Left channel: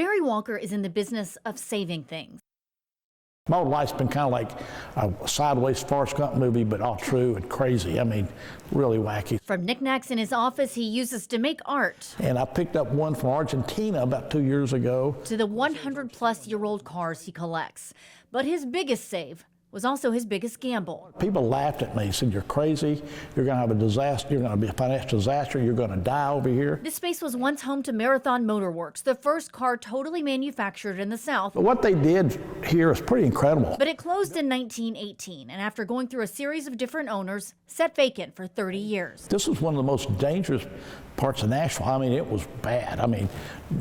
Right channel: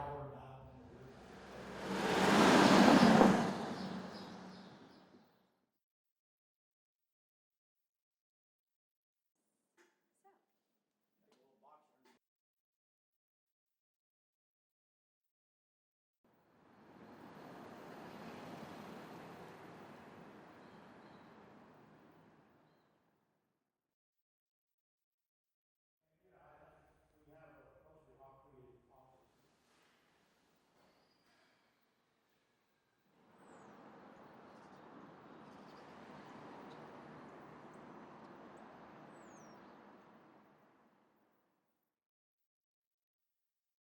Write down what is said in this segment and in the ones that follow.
Barry Walker is in the business of saving things. My whole life's been kind of like a sideways Forrest Gump movie, but all true and crazy. I mean, really wacky. From knickknacks in his office he uses to make art, And I picked up one from Argentina about 2 years ago. to the 100-plus-year-old cars he collects. But his biggest save was also his biggest gamble. People laughed at me, said, "You're crazy, you're gonna have a disaster, you're gonna be a financial disaster, you're gonna die over here." This space was once home to Marathon Motor Works, the first car totally manufactured in the South. But what they did here is pretty incredible. But it closed in 1918, and after going through a series of different owners, sat vacant for 30 years. This was one of the most dangerous parts of Nashville. I mean, it was bad. I mean,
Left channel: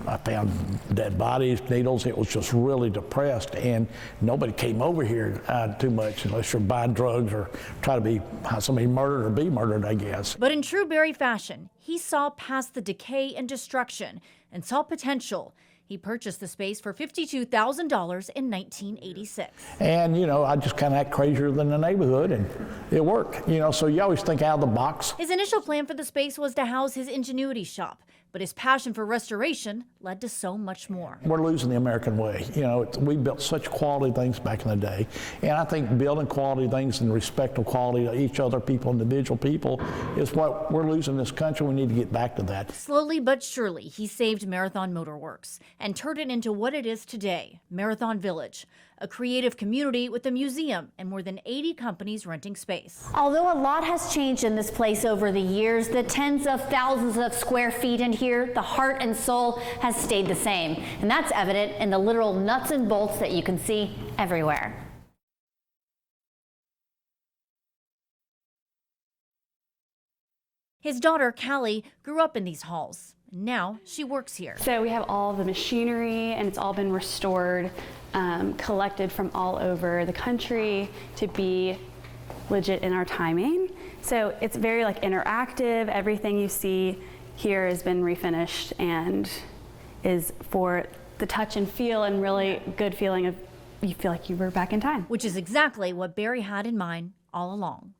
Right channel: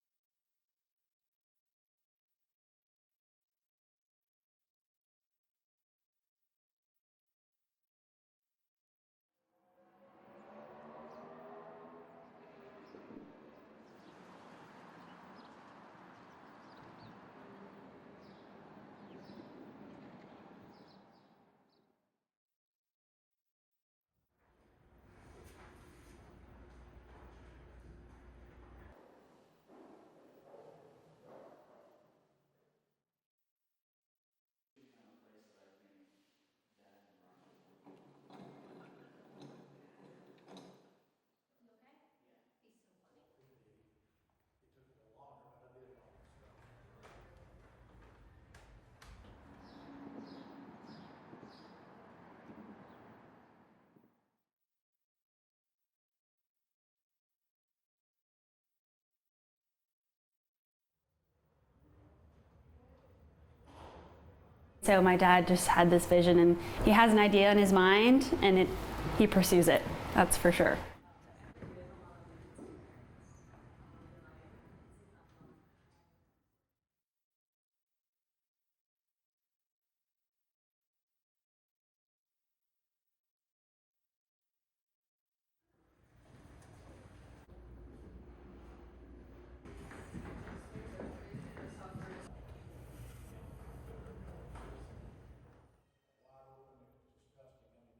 I found dead bodies, needles. It was just really depressed, and nobody came over here too much unless you're buying drugs or try to be somebody murdered or be murdered, I guess. But in true Barry fashion, he saw past the decay and destruction and saw potential. He purchased the space for $52,000 in 1986. And, you know, I just kind of act crazier than the neighborhood, and it worked. You know, so you always think out of the box. His initial plan for the space was to house his ingenuity shop, but his passion for restoration led to so much more. We're losing the American way. You know, we built such quality things back in the day. And I think building quality things and respect of quality to each other, people, individual people, is what we're losing in this country. We need to get back to that. Slowly but surely, he saved Marathon Motor Works and turned it into what it is today, Marathon Village, a creative community with a museum and more than 80 companies renting space. Although a lot has changed in this place over the years, the tens of thousands of square feet in here, the heart and soul has stayed the same. And that's evident in the literal nuts and bolts that you can see everywhere. So my dad just had this vision, and he has an idea in his mind, and he pursues it, that's for sure. His daughter, Callie, grew up in these halls. Now she works here. So we have all the machinery, and it's all been restored, collected from all over the country to be legit in our timing. So it's very like interactive. Everything you see here has been refinished and is for the touch and feel and really good feeling of you feel like you were back in time. Which is exactly what Barry had in mind all along.